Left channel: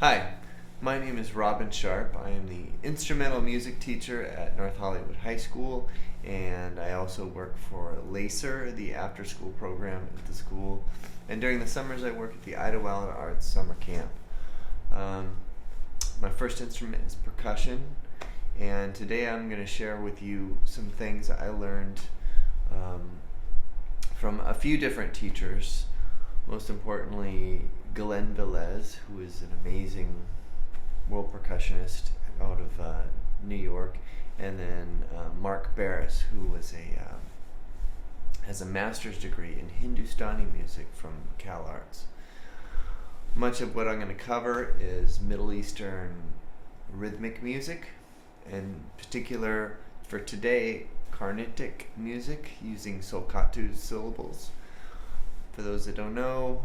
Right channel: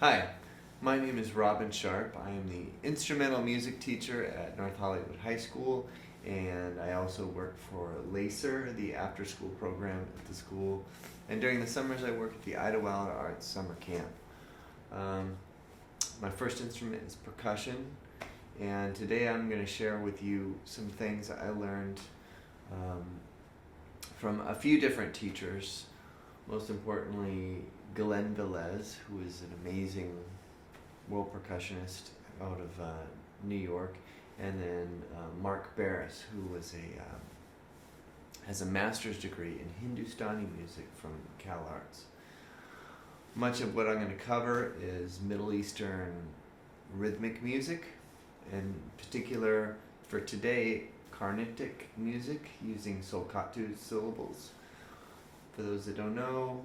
Hi, my name is Robin Sharp. I am the instrumental music teacher at North Hollywood High School, and I also work for LACER, the after-school program at the school. And during the summers, I work at the Idlewild Arts Summer Camp. Um, my first instrument is percussion, and today I'm going to share with you some things I learned from a few different teachers. Most importantly, Glenn Velez, who is an amazing world percussionist out of New York, and then Mark Barris, who was has a master's degree in Hindustani music from Cal Arts. Much of what I'm going to cover is Middle Eastern rhythmic music, in particular for today, Carnatic music using Sulcatu syllables. For those that don't know,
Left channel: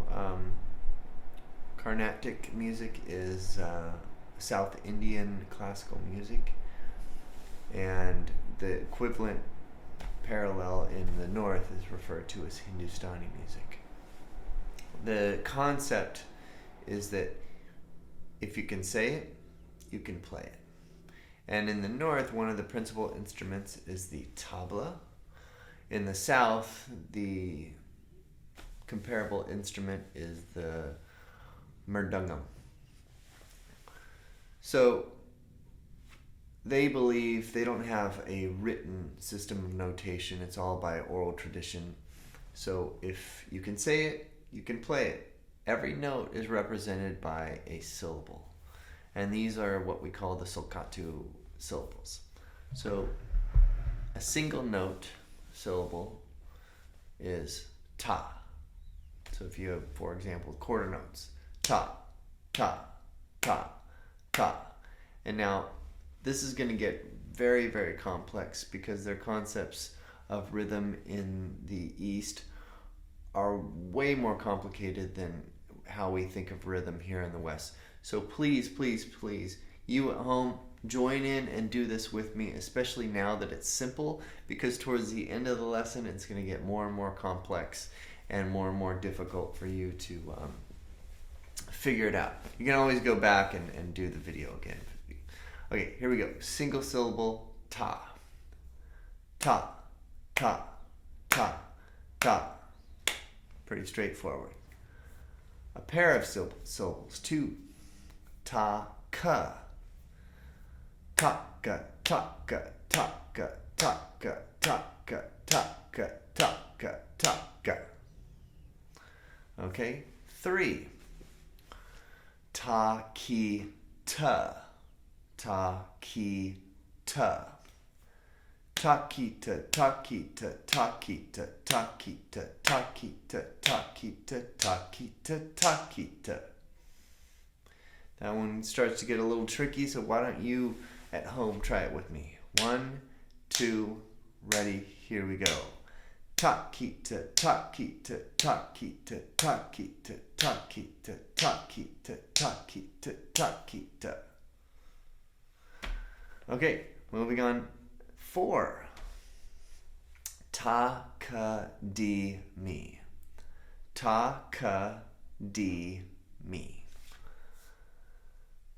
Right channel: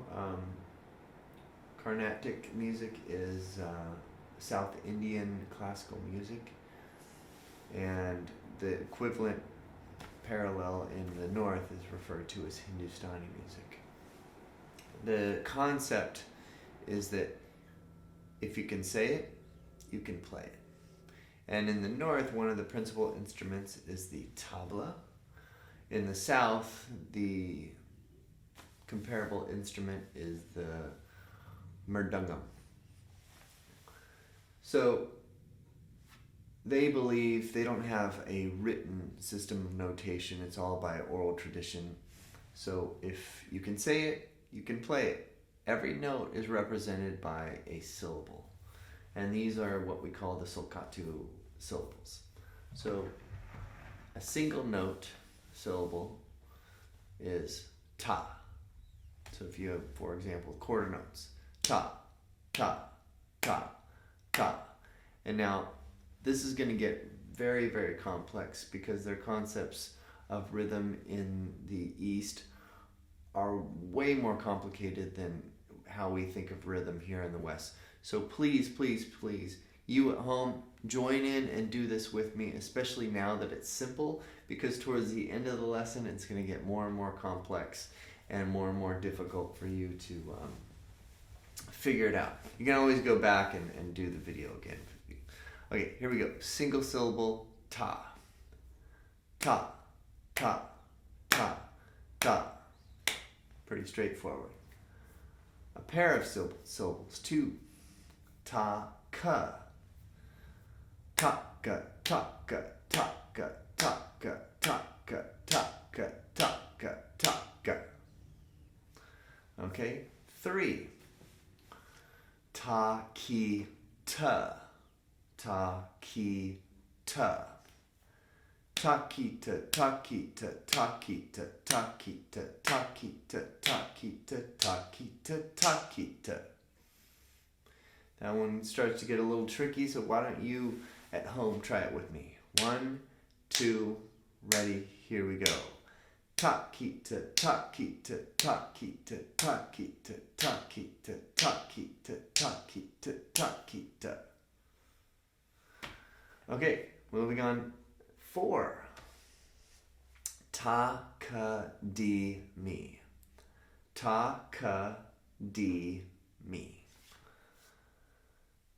Carnatic music is South Indian classical music, and the equivalent parallel in the north is referred to as Hindustani music. The concept is that if you can say it, you can play it. And in the north, one of the principal instruments is the tabla. In the south, the comparable instrument is the mridangam. So they believe they don't have a written system of notation. It's all by oral tradition. So if you can say it, you can play it. Every note is represented by a syllable. And these are what we call the Sulcatu syllables. So a single note syllable is ta. So if you have, for example, quarter notes, ta, ta, ta, ta. And now this is going to get very, very complex because their concepts of rhythm in the East are way more complicated than how we think of rhythm here in the West. So please, please, please, you at home, join in and do this with me, especially now that it's simple, because towards the end of the lesson, it's going to get more and more complex and more difficult for you to figure it out. You can always go back and do the video again. Okay, here we go. Single syllable, ta. Ta, ta, ta, ta. Pretty straightforward. A pair of syllables, two. Ta, ka. Ta-ka, ta-ka, ta-ka, ta-ka, ta-ka, ta-ka, ta-ka, ta-ka. Okay, three. Ta, ki, ta. Ta, ki, ta. Ta-ki-ta, ta-ki-ta, ta-ki-ta, ta-ki-ta, ta-ki-ta, ta-ki-ta, ta-ki-ta, ta-ki-ta. That one starts to get a little tricky, so why don't you at home try it with me? 1, 2, ready, here we go. Ta-ki-ta, ta-ki-ta, ta-ki-ta, ta-ki-ta, ta-ki-ta, ta-ki-ta, ta-ki-ta, ta-ki-ta. Okay, moving on. 4. Ta-ka-di-mi. Ta-ka-di-mi.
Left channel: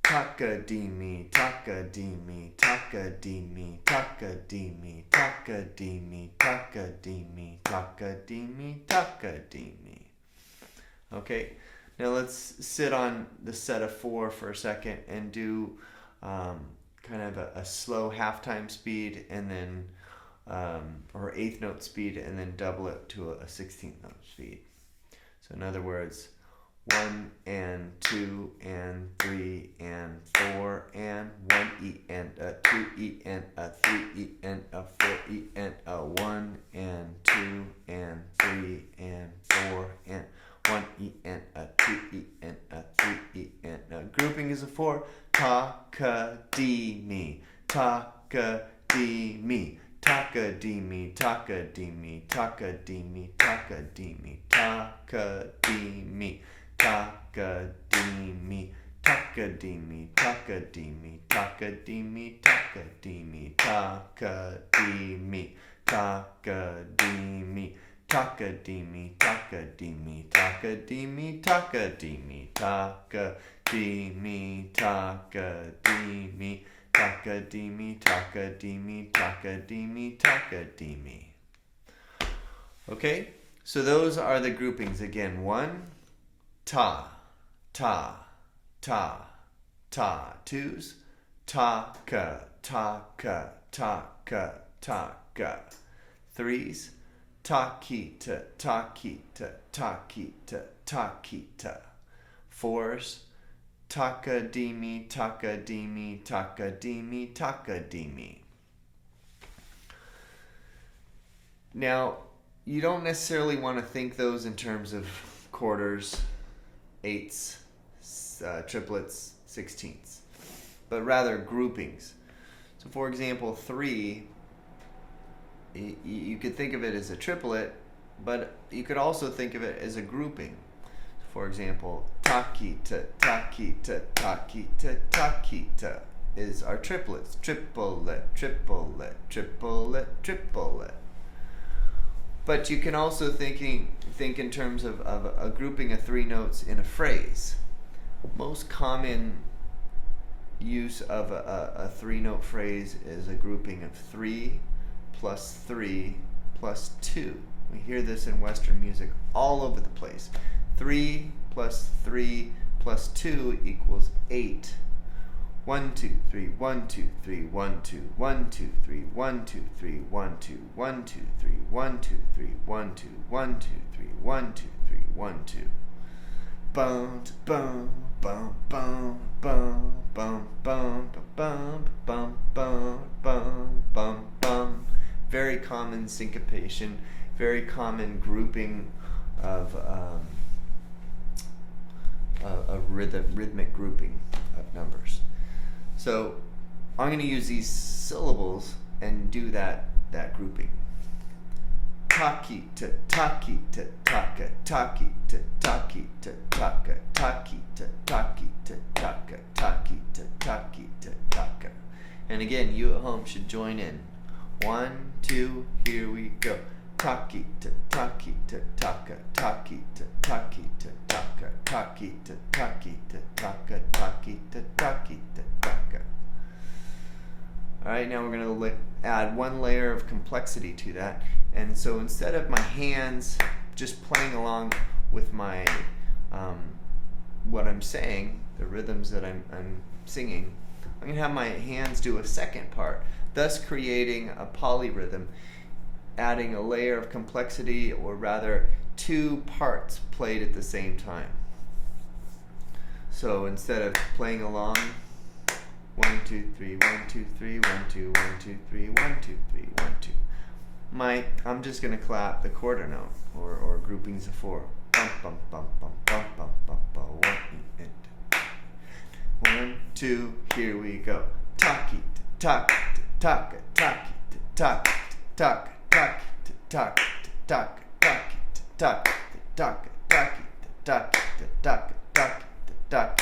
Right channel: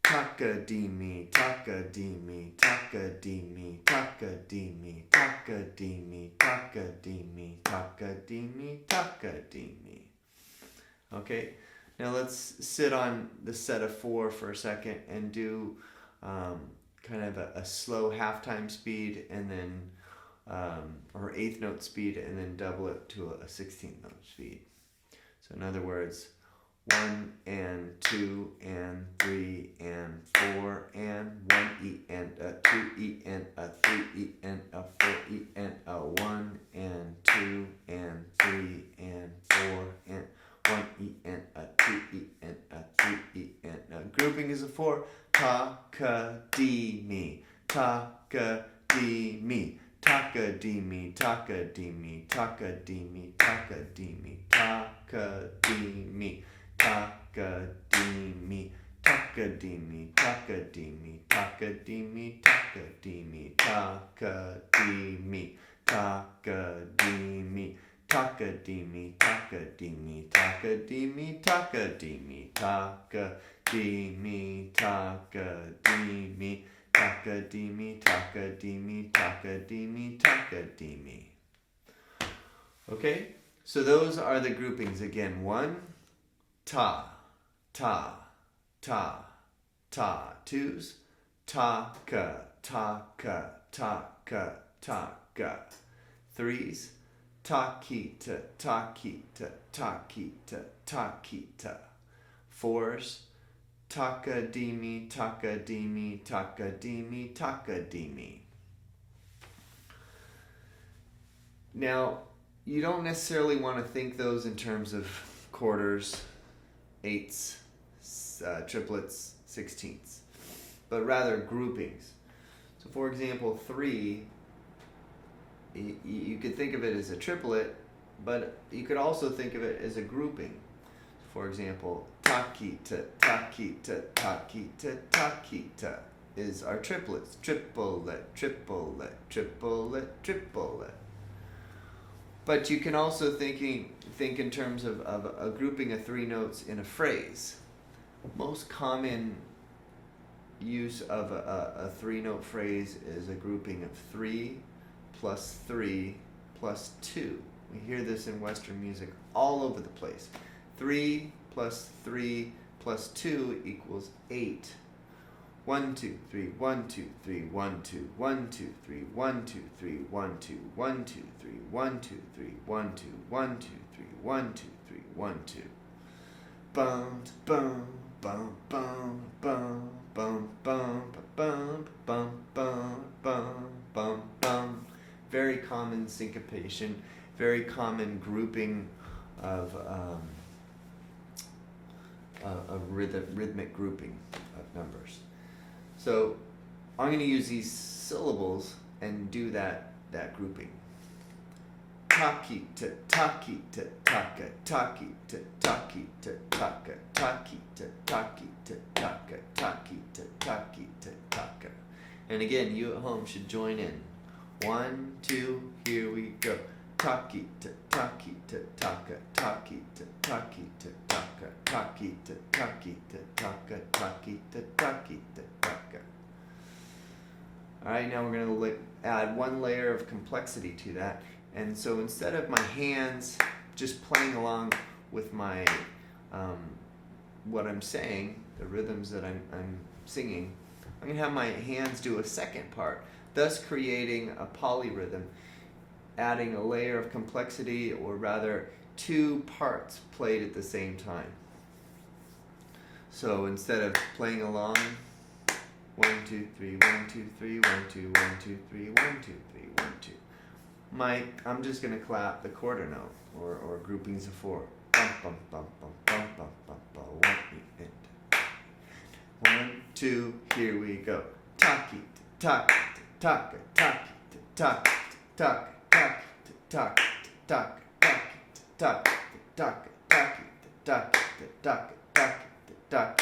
Taka-di-mi, taka-di-mi, taka-di-mi, taka-di-mi, taka-di-mi, taka-di-mi, taka-di-mi, taka-di-mi. Okay, now let's sit on the set of 4 for a second and do kind of a slow halftime speed and then or eighth note speed and then double it to a 16th note speed. So in other words, 1 and 2 and 3 and 4 and 1 E and a 2 E and a 3 E and a 4 E and a 1 and 2 and 3 and 4 and 1 E and a 2 E and a 3 E and a grouping is a 4. Ta-ka-di-mi, ta-ka-di-mi, taka-di-mi, taka-di-mi, taka-di-mi, taka-di-mi, taka-di-mi, taka-di-mi, taka-di-mi, taka-di-mi, taka-di-mi, taka-di-mi, taka-di-mi, taka-di-mi, taka-di-mi, taka-di-mi, taka-di-mi, taka-di-mi, taka-di-mi, taka-di-mi, dee me, taka, dee me, taka, dee me, taka, dee me, taka, dee me, taka, dee me. Okay, so those are the groupings again. 1, ta, ta, ta, ta. 2s, ta-ka, ta-ka, ta-ka, ta-ka. 3s, ta-ki-ta, ta-ki-ta, ta-ki-ta, ta-ki-ta. 4s, taka-dee-me, taka-dee-me, taka-dee-me, taka-dee-me. Now, you don't necessarily want to think those in terms of quarters, eighths, triplets, sixteenths, but rather groupings. So for example, 3, you could think of it as a triplet, but you could also think of it as a grouping. For example, ta-ki-ta, ta-ki-ta, ta-ki-ta, ta-ki-ta is our triplets. Triplet, triplet, triplet, triplet. But you can also think in terms of a grouping of 3 notes in a phrase. Most common use of a 3-note phrase is a grouping of 3 plus 3 plus 2. We hear this in Western music all over the place. 3 plus 3 plus 2 equals 8. 1, 2, 3, 1, 2, 3, 1, 2, 1, 2, 3, 1, 2, 3, 1, 2, 1, 2, 3, 1, 2, 3, 1, 2, 1, 2, 3, 1, 2, 3, 1, 2. Bum, bum, bum, bum, bum, bum, bum, bum, bum, bum, bum, bum, bum. Very common syncopation, very common grouping of rhythmic grouping of numbers. So I'm going to use these syllables and do that grouping. Taki-ta, taki-ta, taka, taki-ta, taki-ta, taka, taki-ta, taki-ta, taka, taki-ta, taki-ta, taka. And again, you at home should join in. 1, 2, here we go. Taki-ta, taki-ta, taka, taki-ta, taki-ta, taka, taki-ta, taki-ta, taka, taki-ta, taki-ta, taka. Alright, now we're going to add one layer of complexity to that. And so instead of my hands just playing along with my what I'm saying, the rhythms that I'm singing, I'm going to have my hands do a second part, thus creating a polyrhythm, adding a layer of complexity, or rather 2 parts played at the same time. So instead of playing along 1, 2, 3, 1, 2, 3, 1, 2, 1, 2, 3, 1, 2, 3, 1, 2. I'm just going to clap the quarter note, or groupings of 4. Bum, bum, bum, bum, bum, bum, bum, bum, 1, 2, here we go. Taki, taka, taka, taki, taka, taka, taki, taka, taka, taki, taka, taka, taki, taka, taka, taki, taka,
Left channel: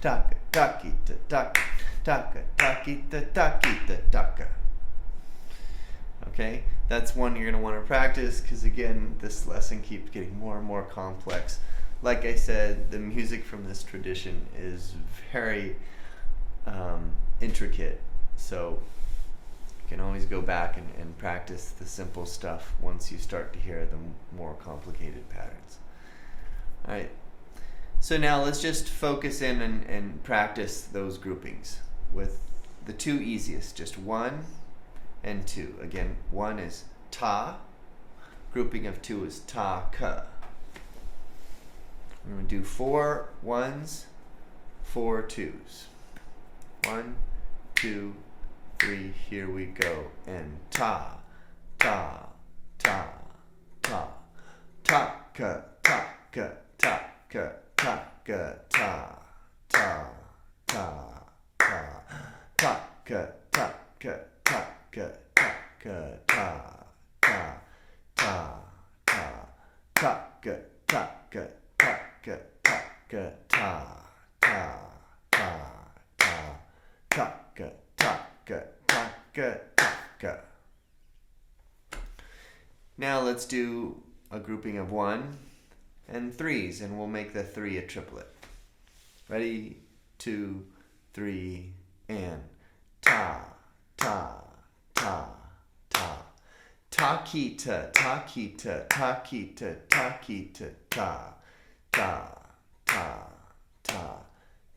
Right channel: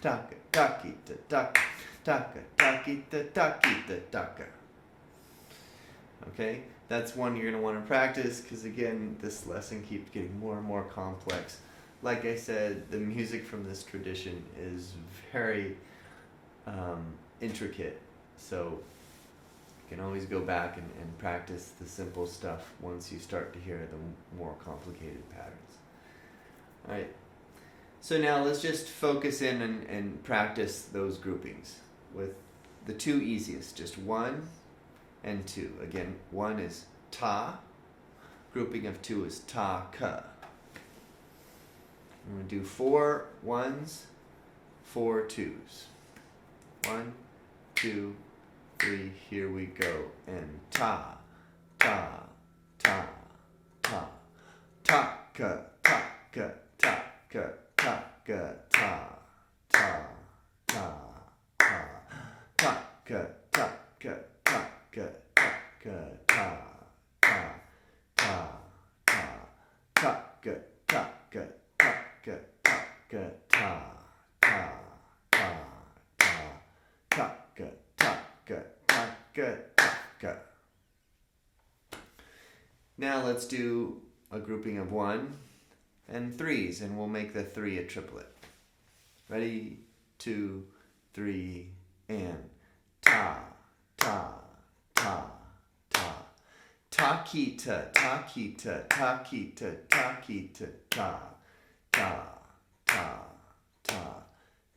taka, taki, taka, taka, taki, taki, taka. Okay, that's one you're going to want to practice, because again, this lesson keeps getting more and more complex. Like I said, the music from this tradition is very intricate, so you can always go back and practice the simple stuff once you start to hear the more complicated patterns. Alright, so now let's just focus in and practice those groupings with the 2 easiest, just 1 and 2. Again, 1 is ta, grouping of 2 is ta-ka. I'm going to do 4 1s, 4 2s. 1, 2, 3, here we go. And ta, ta, ta, ta. Ta-ka, ta-ka, ta-ka, ta-ka, ta, ta, ta, ta. Ta-ka, ta-ka, ta-ka, ta-ka, ta, ta, ta, ta. Ta-ka, ta-ka, ta-ka, ta-ka, ta, ta, ta, ta. Ta-ka, ta-ka, ta-ka, ta-ka. Now let's do a grouping of 1 and 3s, and we'll make the 3 a triplet. Ready? 2, 3, and ta, ta, ta, ta. Takita, takita, takita, takita, ta, ta, ta, ta.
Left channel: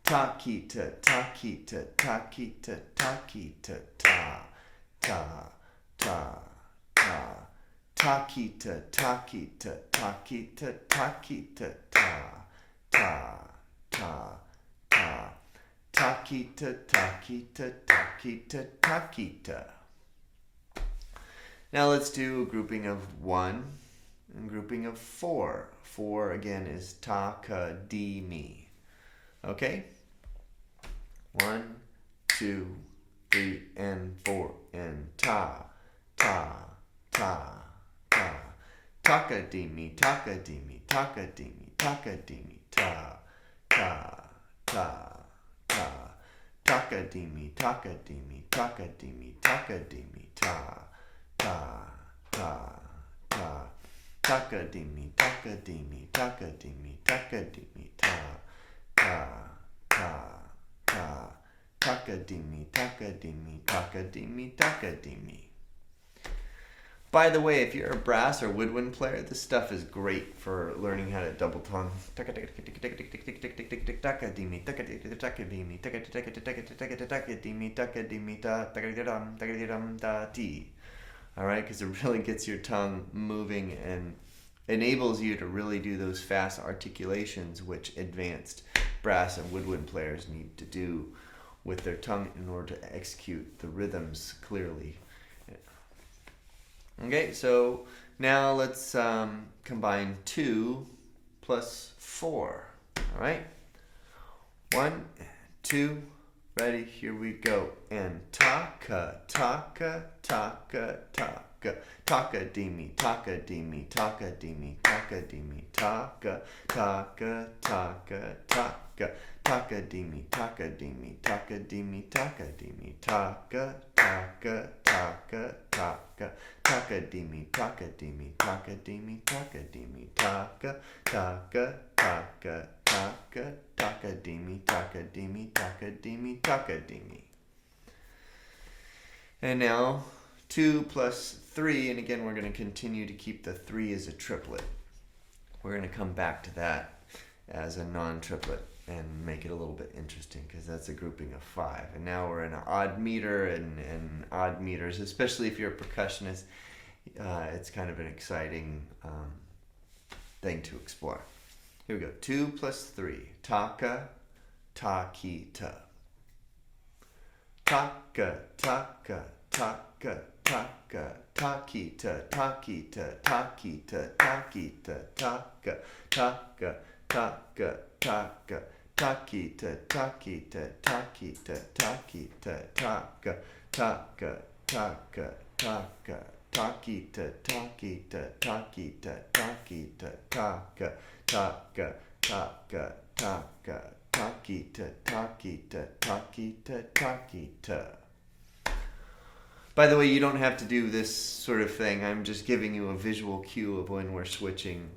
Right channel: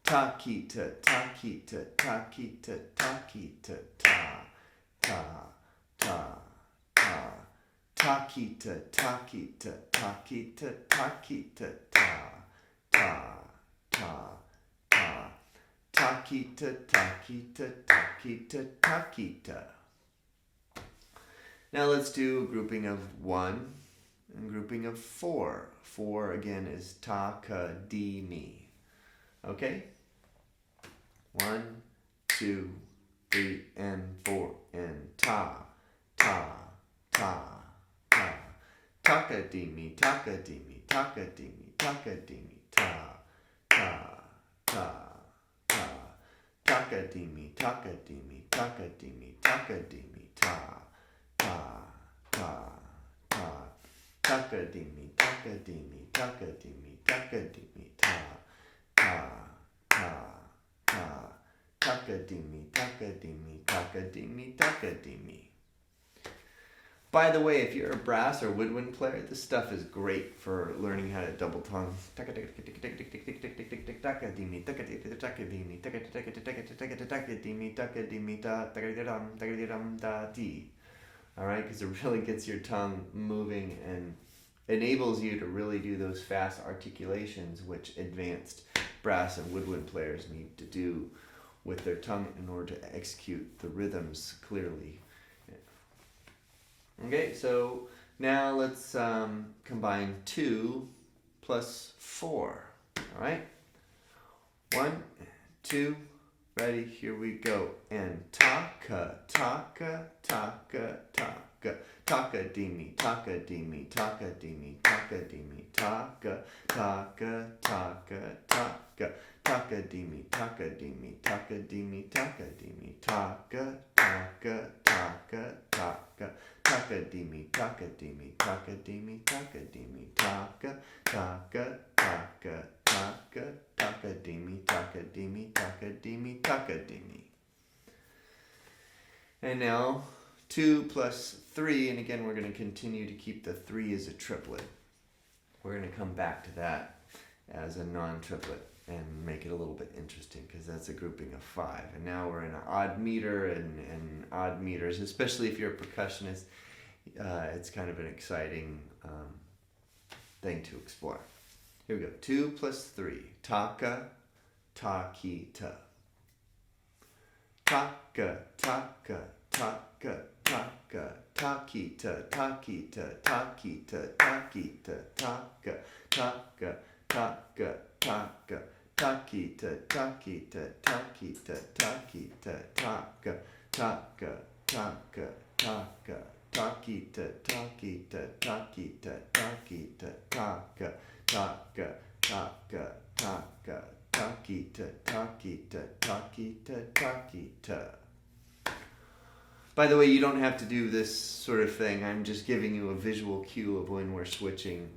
Takita, takita, takita, takita, ta, ta, ta, ta. Takita, takita, takita, takita, ta, ta, ta, ta. Takita, takita, takita, takita. Now let's do a grouping of 1 and grouping of 4. 4 again is ta, ka, di, mi. Okay? 1, 2, 3, and 4, and ta, ta, ta, ta. Takadimi, takadimi, takadimi, takadimi, ta, ta, ta, ta. Takadimi, takadimi, takadimi, takadimi, ta, ta, ta, ta. Takadimi, takadimi, takadimi, takadimi, ta, ta, ta, ta. Takadimi, takadimi, takadimi, takadimi. By the way, if you're a brass or woodwind player, this stuff is great for learning how to double tongue. Alright, because it really gets your tongue moving and enables you to really do those fast articulations which advanced brass and woodwind players need to do with their tongue in order to execute the rhythms clearly. Okay, so now let's combine 2 plus 4. All right, 1, 2, ready, here we go. And taka, taka, taka, taka. Takadimi, takadimi, takadimi, takadimi, taka, taka, taka, taka. Takadimi, takadimi, takadimi, takadimi, taka, taka, taka, taka. Takadimi, takadimi, takadimi, takadimi, taka, taka, taka, taka. Takadimi, takadimi, takadimi, takadimi. And now 2 plus 3, and again we're going to continue to keep the 3 as a triplet. We're going to come back to that as a non-triplet and make it a little bit interesting because that's a grouping of 5. And now we're in an odd meter and odd meters, especially if you're a percussionist. It's kind of an exciting thing to explore. Here we go. 2 plus 3. Taka, takita. Taka, taka, taka, taka. Takita, takita, takita, takita, taka, taka, taka, taka. Takita, takita, takita, takita, taka, taka, taka, taka. Takita, takita, takita, takita, taka, taka, taka, taka. Takita, takita, takita, takita. By the way, you don't have to do this sort of thing. I'm just giving you a visual cue of when we're switching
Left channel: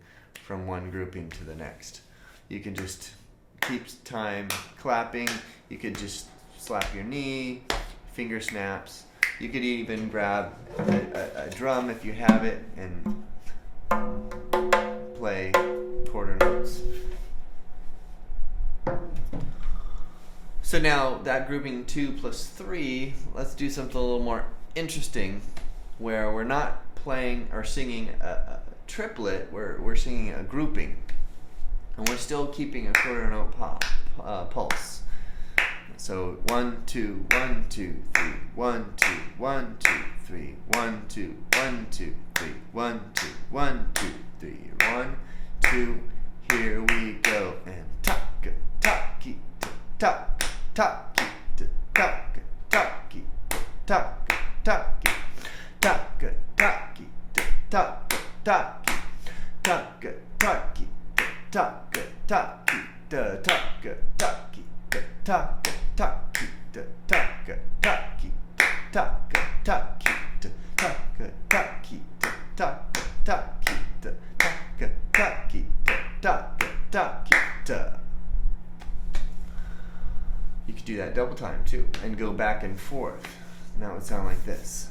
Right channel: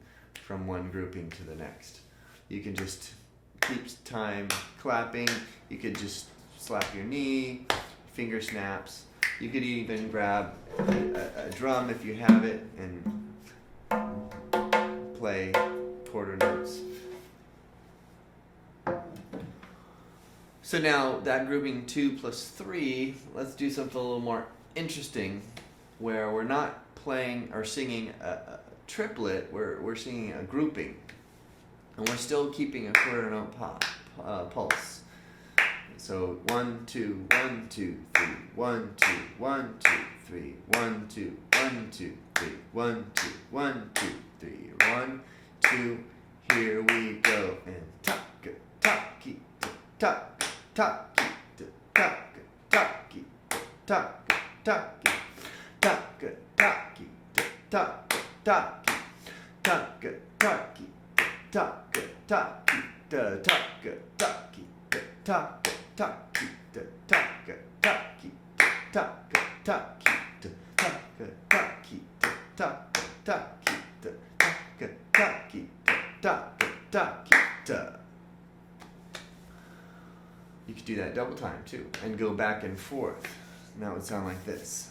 from one grouping to the next. You can just keep time clapping. You could just slap your knee, finger snaps. You could even grab a drum if you have it and play quarter notes. So now that grouping 2 plus 3, let's do something a little more interesting where we're not playing or singing a triplet, we're singing a grouping. And we're still keeping a quarter note pulse. So 1, 2, 1, 2, 3, 1, 2, 1, 2, 3, 1, 2, 1, 2, 3, 1, 2, 1, 2, 3, 1, 2, here we go. And taka, taki, taka, taki, taka, taki, taka, taki, taka, taki, taka, taki, taka, taki, taka, taki, taka, taki, taka, taki, taka, taki, taka, taki, taka, taki, taka, taki, taka, taki, taka, taki. You could do that double time too and go back and forth. And that would sound like this.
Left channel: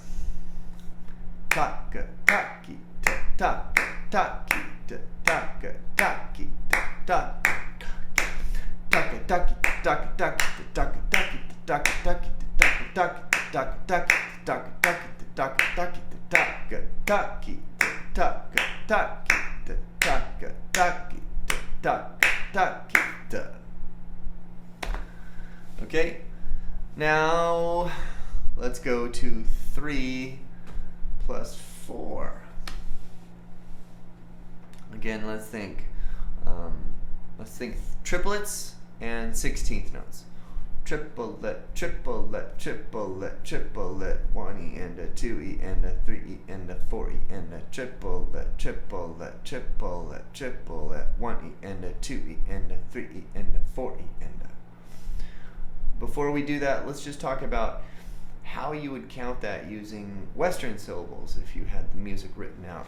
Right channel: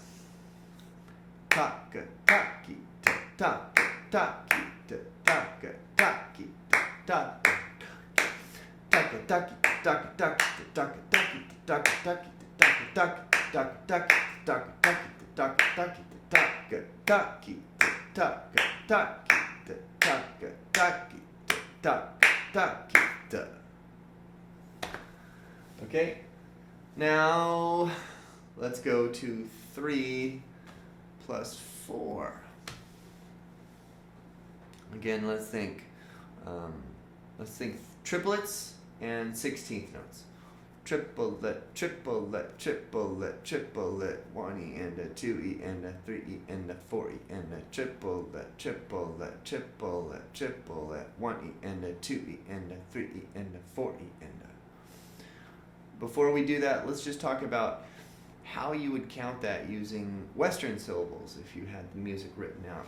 Taka taki ta taka taki ta taka taki ta taka taka taki taka taki taka taki taka taki taka taki taka taki taka taki taka taki taka taki taka taki taka taki taka taki. Okay, now let's go to 3 plus 4. Again, let's think triplets and 16th notes. Triplet, triplet, triplet, triplet, 1E and a 2E and a 3E and a 4E and a triplet, triplet, triplet, triplet, 1E and a 2E and a 3E and a 4E and a. Before we do that, let's just talk about how you would count that using Western syllables if you had the music written out.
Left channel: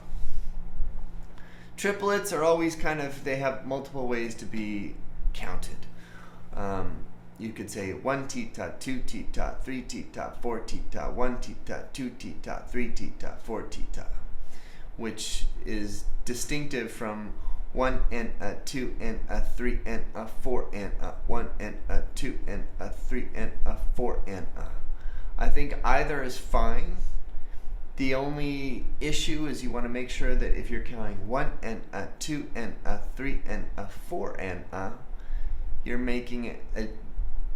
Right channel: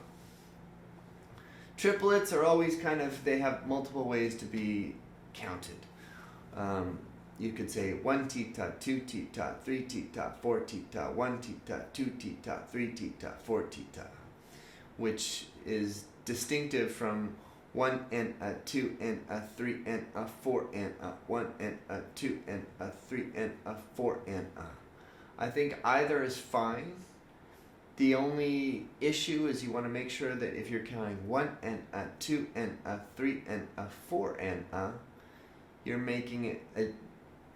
Triplets are always they have multiple ways to be counted. You could say 1 tita, 2 tita, 3 tita, 4 tita, 1 tita, 2 tita, 3 tita, 4 tita, which is distinctive from 1 and a 2 and a 3 and a 4 and a 1 and a 2 and a 3 and a 4 and a. I think either is fine. The only issue is you want to make sure that if you're counting 1 and a 2 and a 3 and a 4 and a, you're making it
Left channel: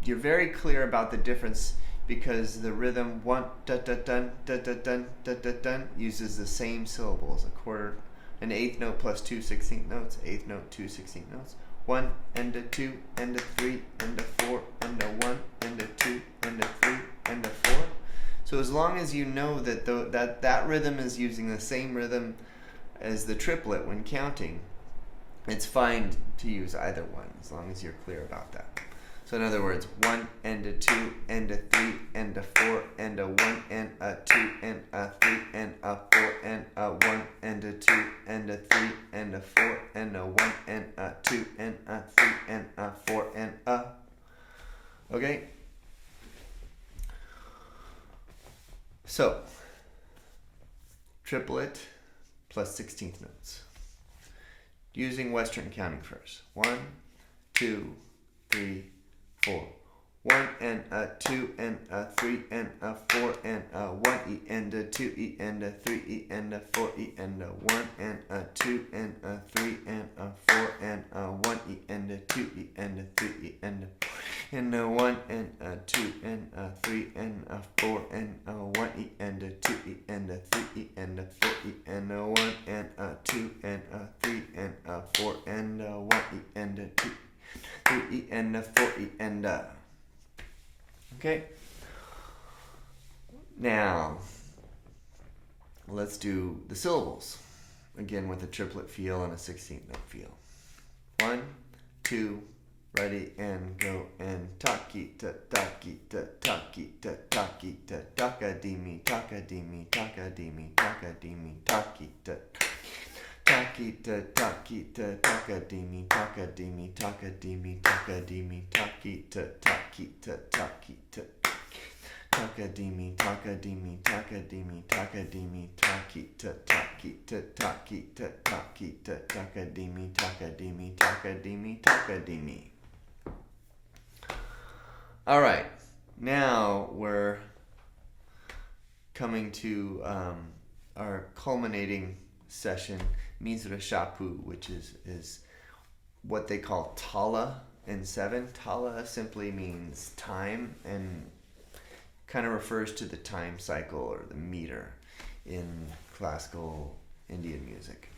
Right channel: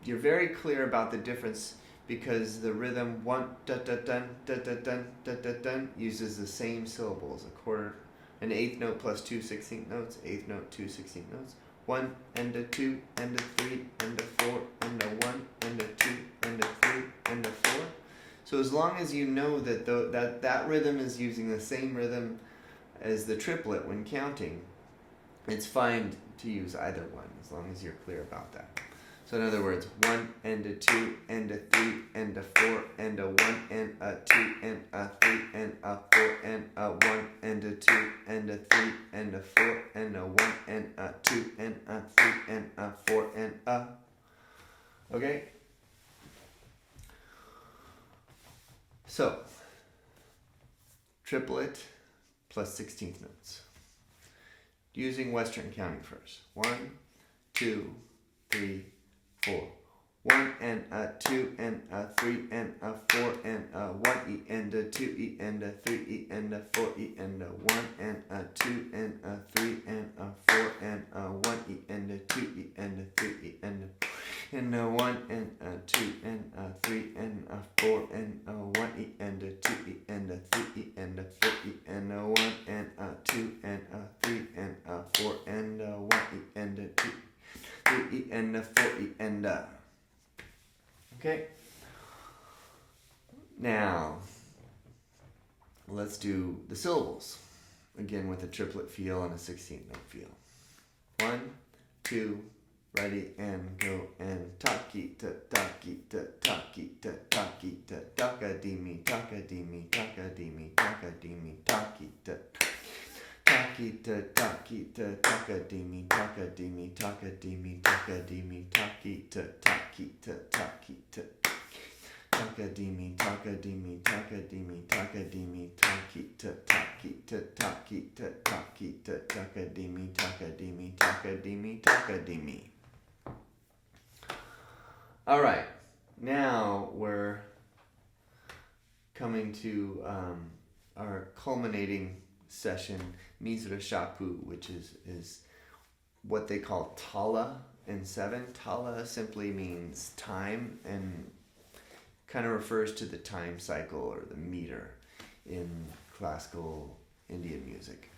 you're very clear about the difference, because the rhythm 1 da da dun da da dun da da dun uses the same syllables, a quarter, an eighth note plus 2 16th notes, eighth note 2 16th notes, 1 and a 2 and a 3 and a 4 and a 1 and a 2 and a 3 and a 4. So as long as you know that that rhythm is using the same rhythm as the triplet when counting, it's fine to use either one as long as you're clear about that. So in other words, 1 and a 2 and a 3 and a 4 and a 1 and a 2 and a 3 and a 4 and a 1 and a 2 and a 3 and a 4 and a 1 and a 2 and a 3 and a 4 and a. Okay? So, triplet plus 16th notes. Using Western counting first. 1, 2, 3, 4. 1 and a 2 and a 3 and a 4 and a 1E and a 2E and a 3E and a 4E and a 1 and a 2 and a 3 and a 4 and a 1E and a 2E and a 3E and a 4 and a 1 and a 2 and a 3 and a 4 and a 1E and a 2E and a 3E and a 4E and a 1 and a 2 and a 3 and a 4 and a 1E and a 2E. 3E and a 4E and a. Okay? Now, let's do the syllables. Again with a triplet feel and a 16th note feel. 1, 2, ready, and go, and taki ta taki ta taki ta taki ta takadimi takadimi takadimi takadimi taki ta taki ta taki ta takadimi takadimi takadimi takadimi taki ta taki ta taki ta takadimi takadimi takadimi takadimi taki ta taki ta taki ta taki ta takadimi takadimi takadimi takadimi. All right, now we're coming to our culminating session, Misra Chapu, which is what they call Tala in 7. Tala simply means time and kind of refers to the time cycle or the meter in classical Indian music.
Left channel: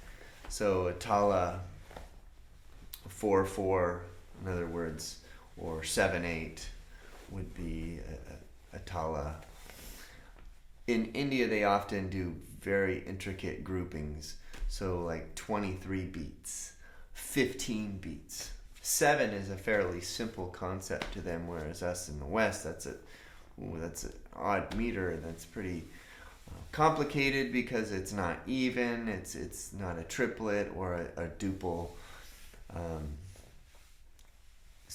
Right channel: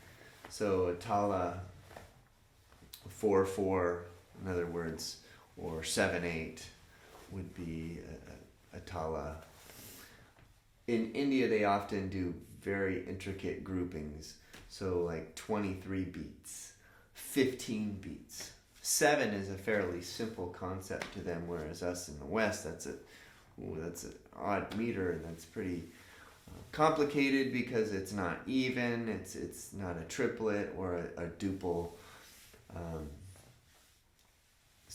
So a Tala 4/4, in other words, or 7/8 would be a Tala. In India, they often do very intricate groupings. So like 23 beats, 15 beats. 7 is a fairly simple concept to them, whereas us in the West, that's an odd meter, and that's pretty complicated because it's not even, it's not a triplet or a duple.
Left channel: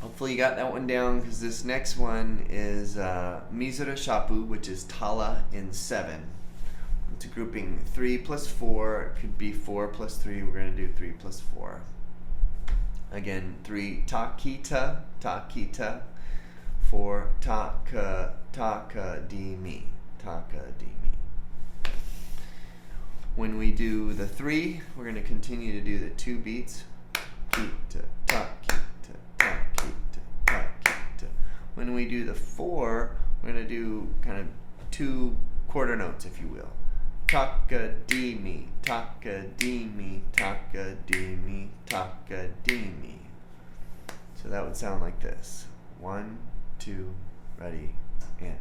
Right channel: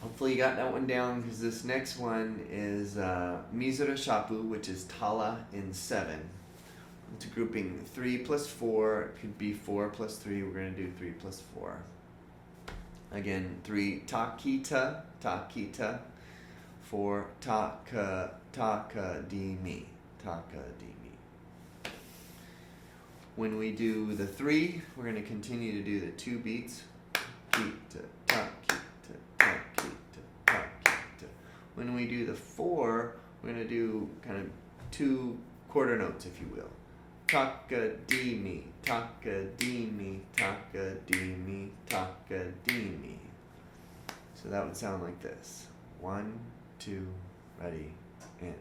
Hopefully you got that one down, because this next one is Misra Chapu, which is Tala in 7. It's a grouping 3 plus 4. It could be 4 plus 3. We're going to do 3 plus 4. Again, 3 takita, takita. 4 taka, taka di mi, taka di mi. When we do the 3, we're going to continue to do the 2 beats. Kita, takita, takita, takita. When we do the 4, we're going to do kind of 2 quarter notes, if you will. Taka di mi, taka di mi, taka di mi, taka di mi. So that would sound like this. 1, 2, ready, and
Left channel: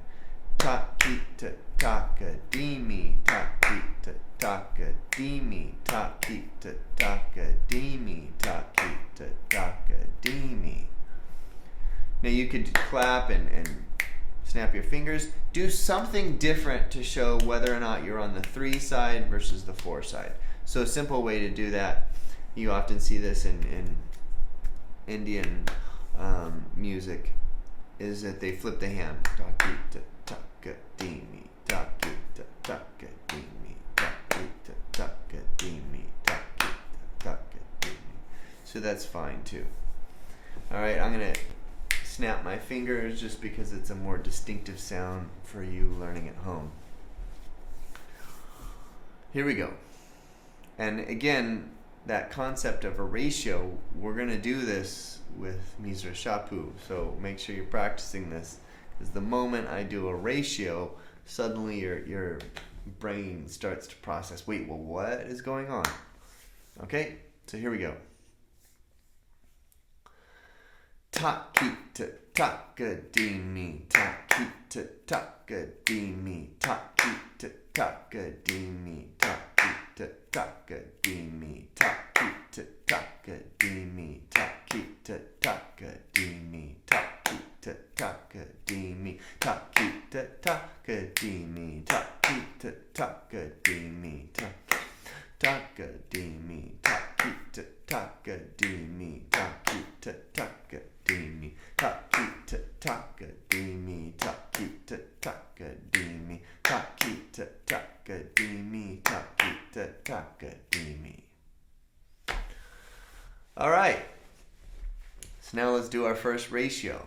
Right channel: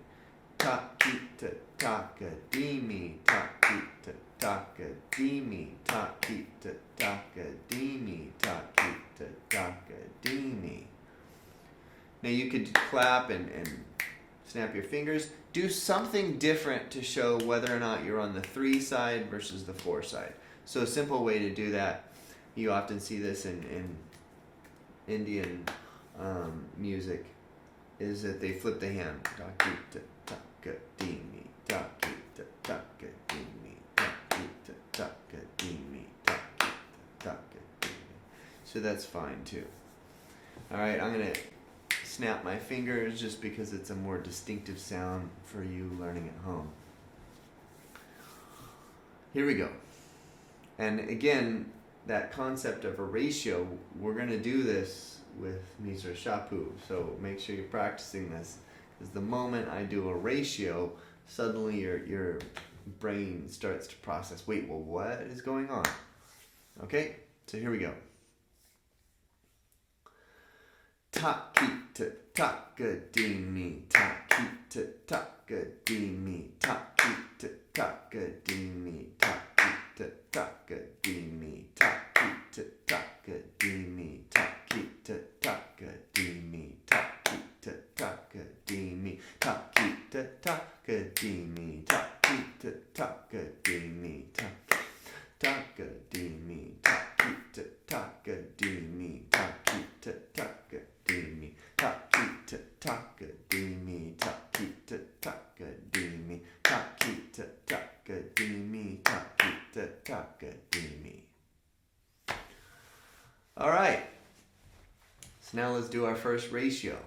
takita, taka di mi, takita, taka di mi, takita, taka di mi, takita, taka di mi. Now you could clap and snap your fingers. Do something different to show whether or not you're on the 3 side versus the 4 side. So a simple way to do that, you often see this in Indian music, is that they flip the hand. Takita, taka di mi, takita, taka di mi, takita, taka di mi, takita, taka di mi. So that's fine too. Alright, I'm going to snap my fingers just because it's a more distinctive sound for you learning at home. Here we go. And again, that concept of a ratio, we're going to do this with Misra Chapu, so make sure you're practicing this, because the moment I do a ratio, suddenly your brain starts to process, wait, well, what is going on? Okay, so here we go. Takita, taka di mi, takita, taka di mi, takita, taka di mi, takita, taka di mi, takita, taka di mi, takita, taka di mi, takita, taka di mi, takita, taka di mi, takita, taka di mi, taka di mi, takita, taka di mi, takita, taka di mi, takita, taka di mi, takita, taka di mi, takita, taka di mi, takita, taka di mi. All right. So now let's do our first ratio.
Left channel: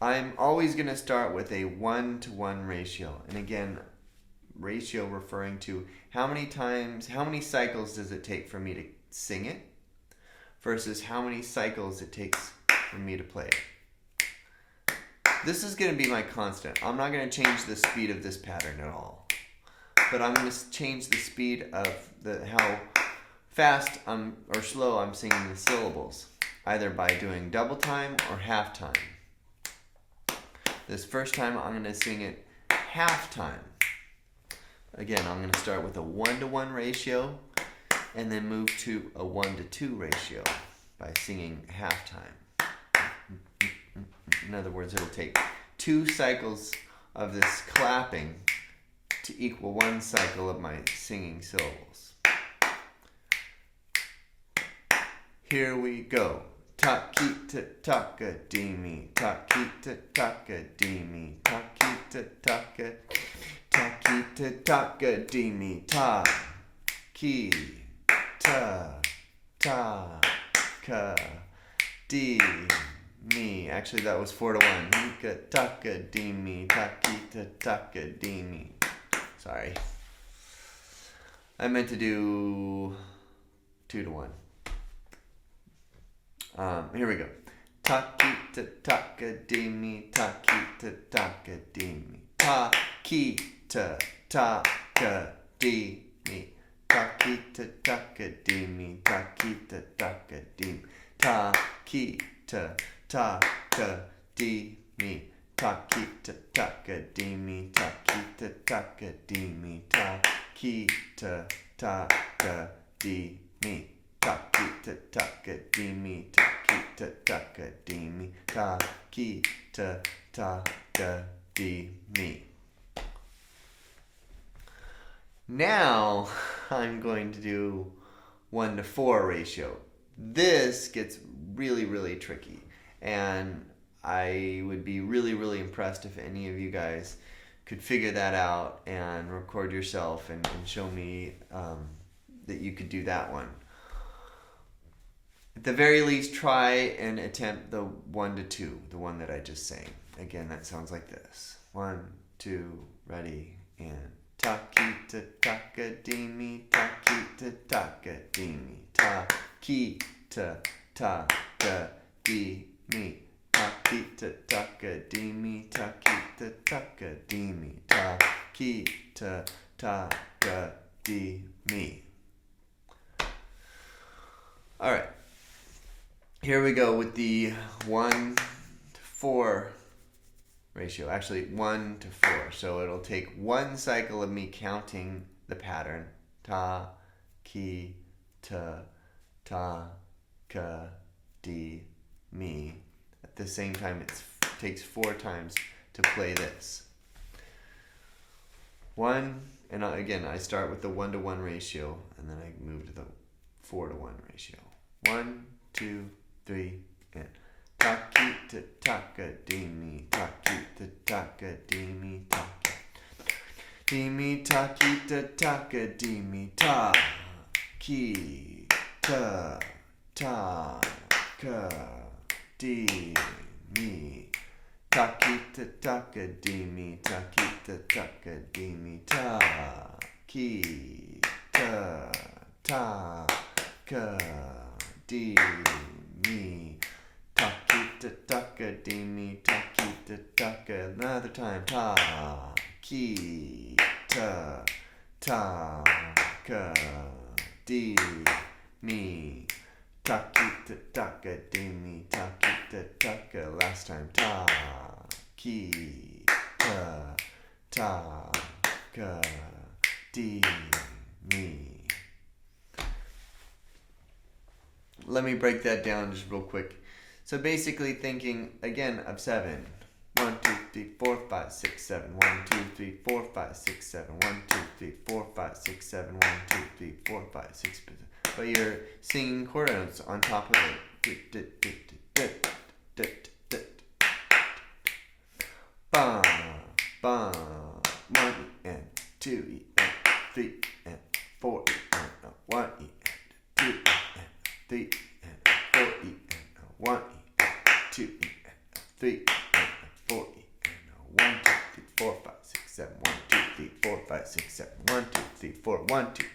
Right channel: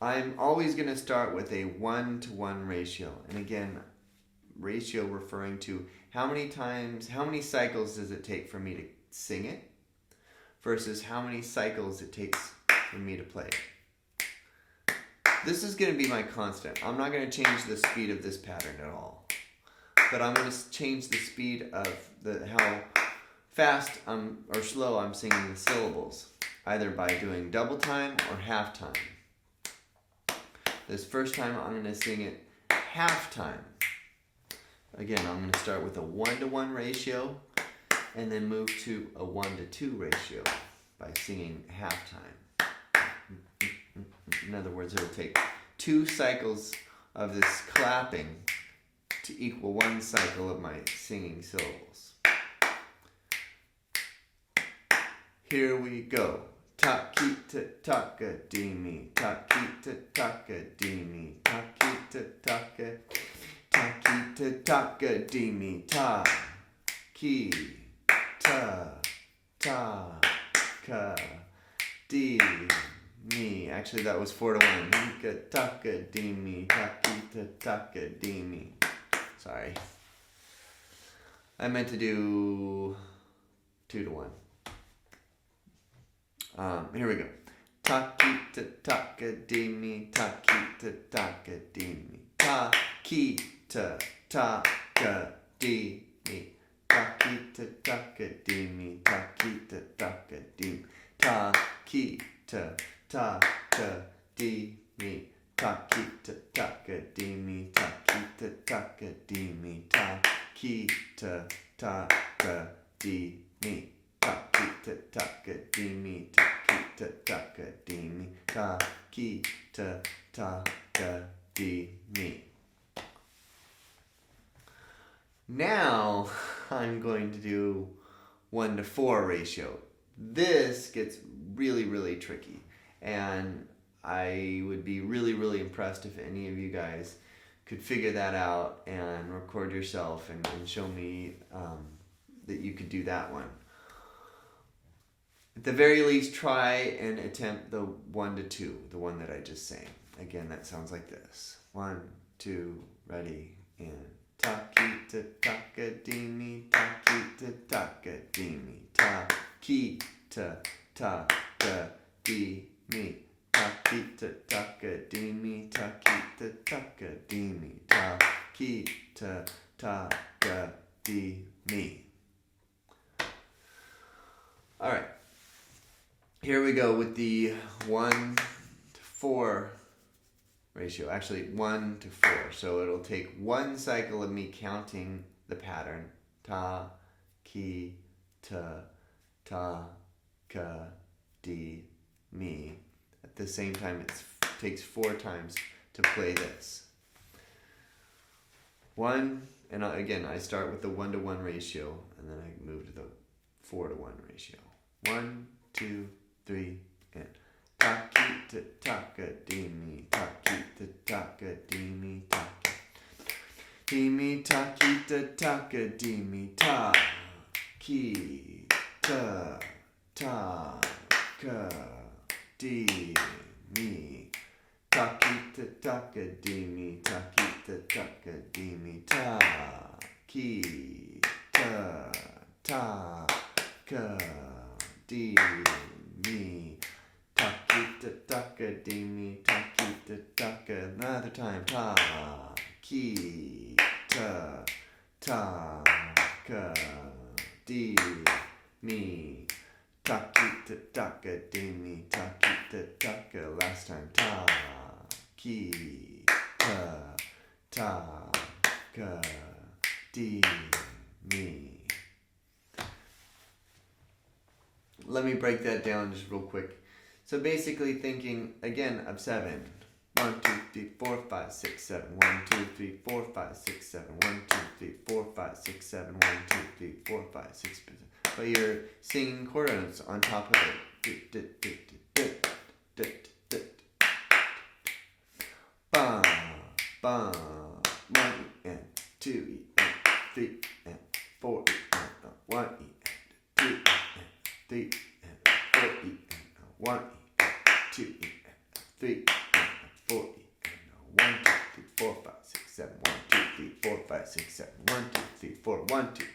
I'm always going to start with a 1-to-1 ratio. And again, ratio referring to how many cycles does it take for me to sing it versus how many cycles it takes for me to play it. This is going to be my constant. I'm not going to change the speed of this pattern at all. But I'm going to change the speed of how fast or slow I'm singing the syllables, either by doing double time or half time. This first time I'm going to sing it half time. Again, I'm going to start with a 1-to-1 ratio and then move to a 1-to-2 ratio by singing half time. In other words, it'll take 2 cycles of this clapping to equal 1 cycle of my singing syllables. Here we go. Takita, taka di mi, takita, taka di mi, takita, taka, takita, taka di mi, ta, ki, ta, ta, ka, di, mi. Actually, that was 4-to-1. Hika, taka di mi, takita, taka di mi. Sorry. I meant to do 2-to-1. Here we go. Takita, taka di mi, takita, taka di mi. Takita, taka di mi. Takita, taka di mi, takita, taka di mi. Takita, taka di mi. Takita, taka di mi, takita, taka di mi. Takita, taka di mi. Takita, taka di mi, takita, taka di mi, takita, taka di mi. Now I'm going to do 1-to-4 ratio. this gets really, really tricky. And I would be really, really impressed if any of you guys could figure that out and record yourself and show me that you could do that one. At the very least, try and attempt the 1 to 2, the one that I just sang. Again, that sounds like this. 1, 2, ready, and Taki-ta taka-dee-me, taki-ta taka-dee-me, taki-ta taka-dee-me, taki-ta taka-dee-me, taki-ta taka-dee-me, taki-ta taka-dee-me. All right. Here we go with the 1 to 4 ratio. Actually, 1 to 4. So it'll take one cycle of me counting the pattern. Ta, ki, ta, ka, di, mi. At the same time, it takes 4 times to play this. 1, and again, I start with the 1 to 1 ratio, and then I move to the 4 to 1 ratio. 1, 2, 3, and taki-ta taka-dee-me, taki-ta taka-dee-me, taki-dee-me, taki-ta taka-dee-me, ta-ki-ta taka-dee-me, taki-ta taka-dee-me, taki-ta taka-dee-me, ta-ki-ta taka-dee-me, taki-ta taka-dee-me, taki-ta taka, another time, ta-ki-ta taka-dee-me, taki-ta taka-dee-me, taki-ta taka, last time, ta-ki-ta taka-dee-me. Let me break that down just real quick. So basically thinking, again, of 7. 1, 2, 3, 4, 5, 6, 7. 1, 2, 3, 4, 5, 6, 7. 1, 2, 3, 4, 5, 6, 7. 1, 2, 3, 4, 5, 6, 7. But you're singing quarter notes on top of it. Ba, ba, 1 and 2 and 3 and 4 and 1 and 2 and 3 and 4 and 1 and 2 and 3 and 4 and 1, 2, 3, 4, 5, 6, 7. 1, 2, 3, 4, 5, 6, 7. 1, 2, 3, 4, 1, 2,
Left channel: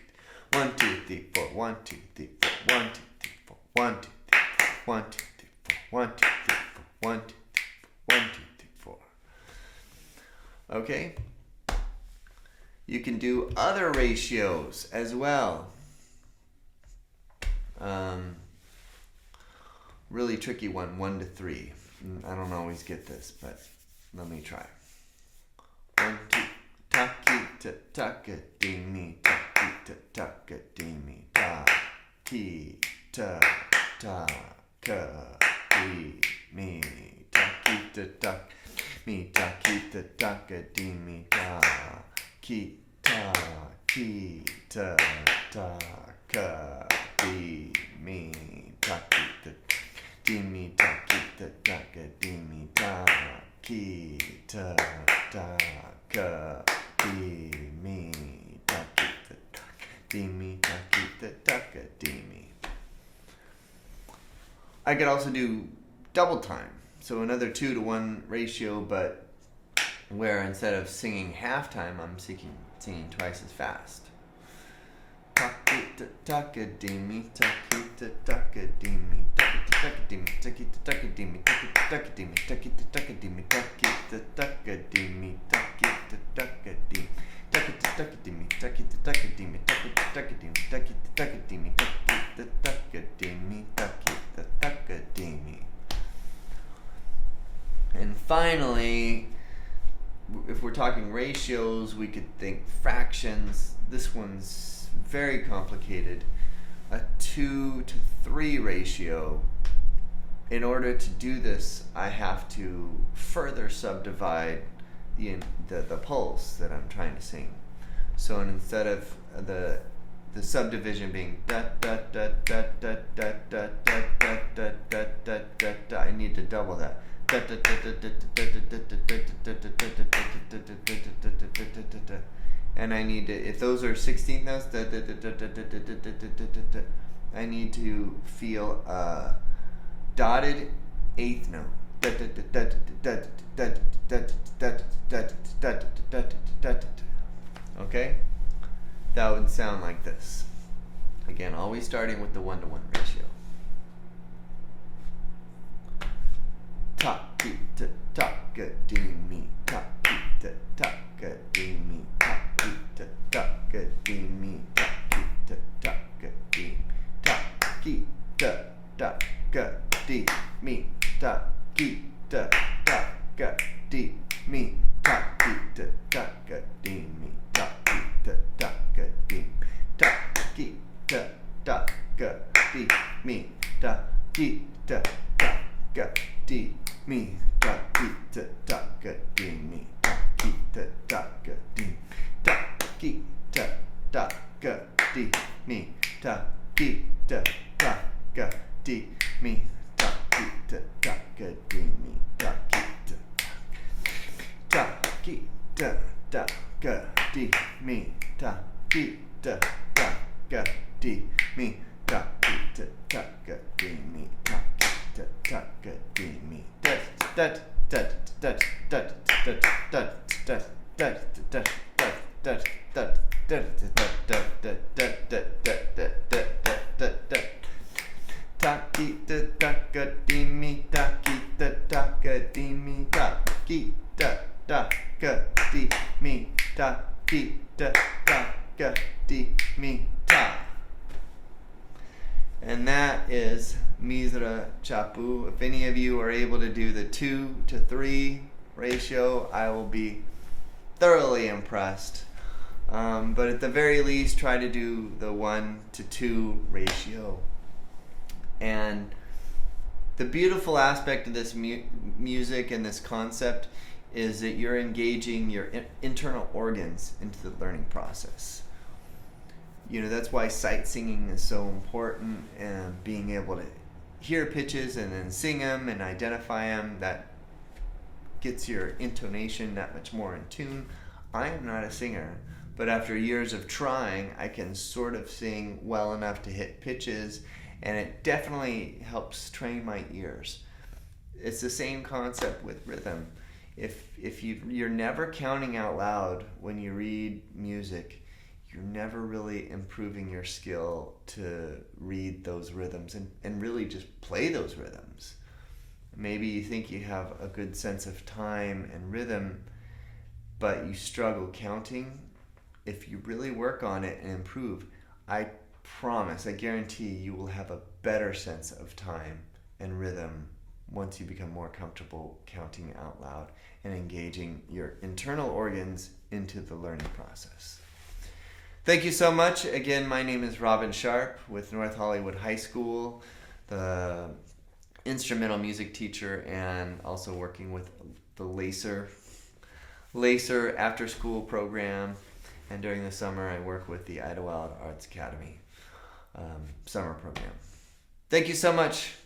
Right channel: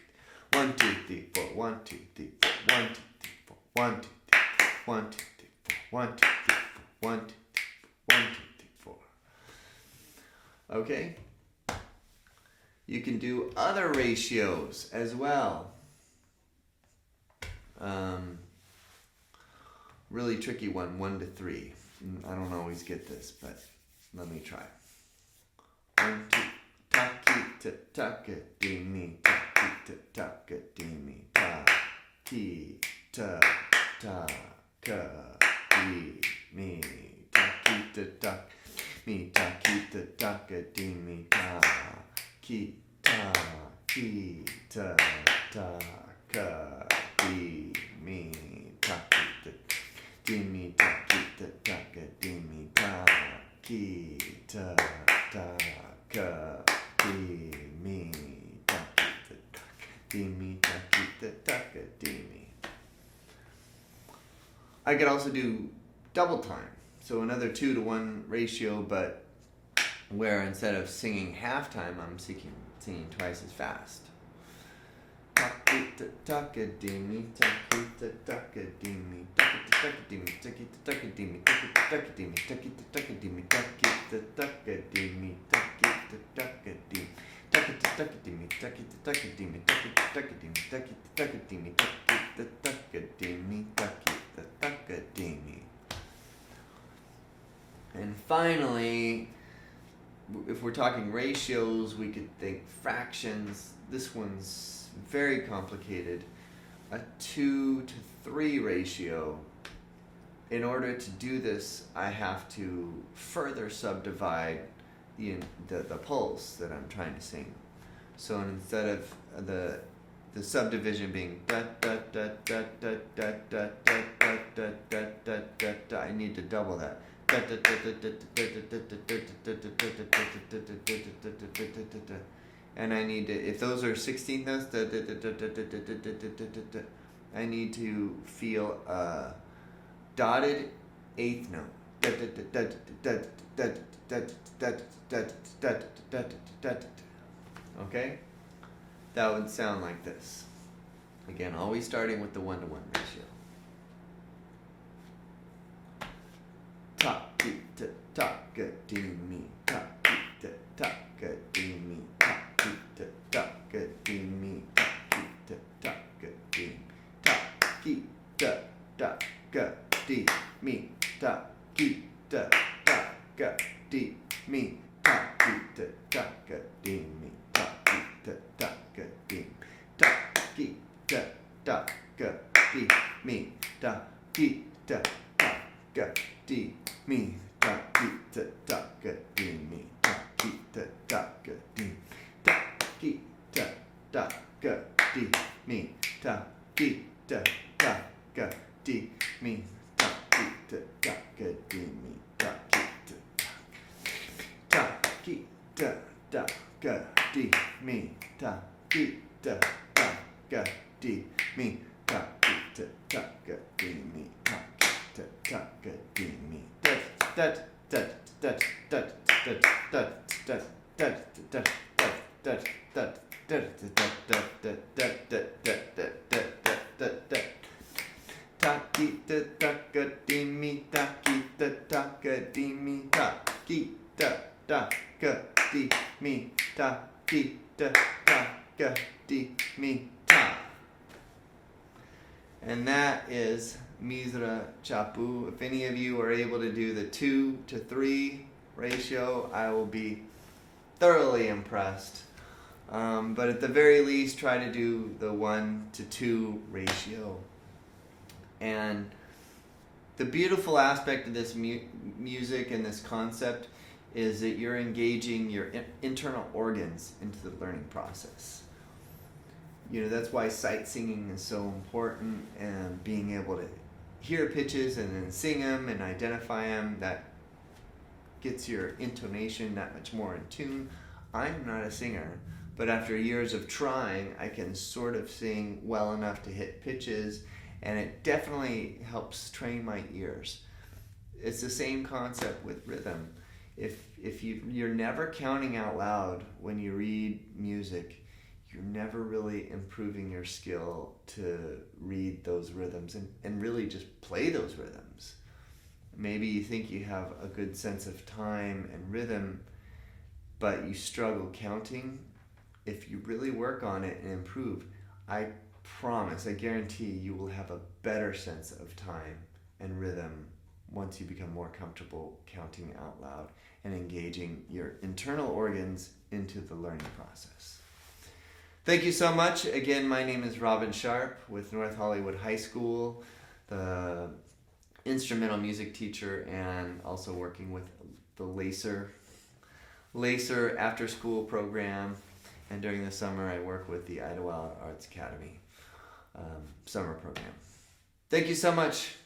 1, 2, 3, 4, 1, 2, 3, 4, 1, 2, 3, 4, 1, 2, 3, 4, 1, 2, 3, 4, 1, 2, 3, 4, 1, 2, 3, 4, 1, 2, 3, 4. Okay? You can do other ratios as well. Really tricky one, 1 to 3. I don't always get this, but let me try. 1, 2, taki-ta taka-dee-me, taki-ta taka-dee-me, taki-ta taka-dee-me, taki-ta taka-me, taki-ta taka-dee-me, taki-ta taka-dee-me, taki-ta dee-me, taki-ta taka-dee-me, taki-ta taka-dee-me, taki-ta taka-dee-me, taki-ta taka-dee-me. I could also do double time, so another 2 to 1 ratio, but where instead of singing half time, I'm singing twice as fast. Taki-ta taka-dee-me, taki-ta taka-dee-me, taki-ta taka-dee-me, taki-ta taka-dee-me, taki-ta taka-dee-me, taki-ta taka-dee-me, taki-ta taka-dee-me, taki-ta taka-dee-me, taki-ta taka-dee-me, taki-ta taka-dee-me, taki-ta taka-dee-me, taki-ta taka-dee-me, taki-ta taka-dee-me, taki-ta taka-dee-me. And finally, if we're talking ratios, we could think fractions. This one's very complicated. A 2 to 3 ratio. In order to do this, I have to further subdivide the pulse that I'm trying to sing. So instead of the The subdivision being da da da da da da da da da da da da da da. I need to double that. And I need to, if those are 16th notes, I need to feel a dotted eighth note. Okay? That would sound like this. Again, always starting with the 1-to-1 ratio. Ta ki ta ta ga dee me. Ta ki ta ta ga dee me. Ta ki ta ta ga dee me. Ta ki ta ta ga dee. Ta ki ta ta ga dee me. Ta ki ta ta ga dee me. Ta ki ta ta ga dee me. Ta ki ta ta ga dee. Ta ki ta ta ga dee me. Ta ki ta ta ga dee me. Ta ki ta ta ga dee me. Ta ki ta ta ga dee. Ta ki ta ta ga dee me. Ta ki ta ta ga dee me. Ta ki ta ta ga dee me. Ta ki ta ta ga dee me. Ta ki ta ta ga dee me. Ta ki ta ta ga dee me. Ta ki ta ta ga dee me. That ta ki ta ta ga dee me. Ta ki ta ta ga dee me. Ta ki ta ta ga dee me. Ta ki ta ta ga dee me. Ta. And that is Misra Chapu. If any of you are able to do the 2-to-3 ratio, I will be thoroughly impressed. But at the very least, try to do the 1-to-2 ratio. And the beautiful aspect of this music and this concept is that you're engaging your internal organs into the learning process. You know, that's why sight singing is so important, and being able to hear pitches and then sing them and identify them, that gets your intonation that much more in tune. I am not a singer, but after years of trying, I can sort of sing well enough to hit pitches, and it definitely helps train my ears. It's the same concept with rhythm. If you're never counting out loud when you read music, you're never really improving your skill to read those rhythms and really just play those rhythms. Maybe you think you have a good sense of time and rhythm, but you struggle counting. If you really work on it and improve, I promise, I guarantee you will have a better sense of time and rhythm once you become more comfortable counting out loud and engaging your internal organs into the learning process. Thank you so much. Again, my name is Robin Sharp with North Hollywood High School, the instrumental music teacher, and also working with the LACER after school program. And during the summer, I work with the Idlewild Arts Academy summer program. Thank you so much.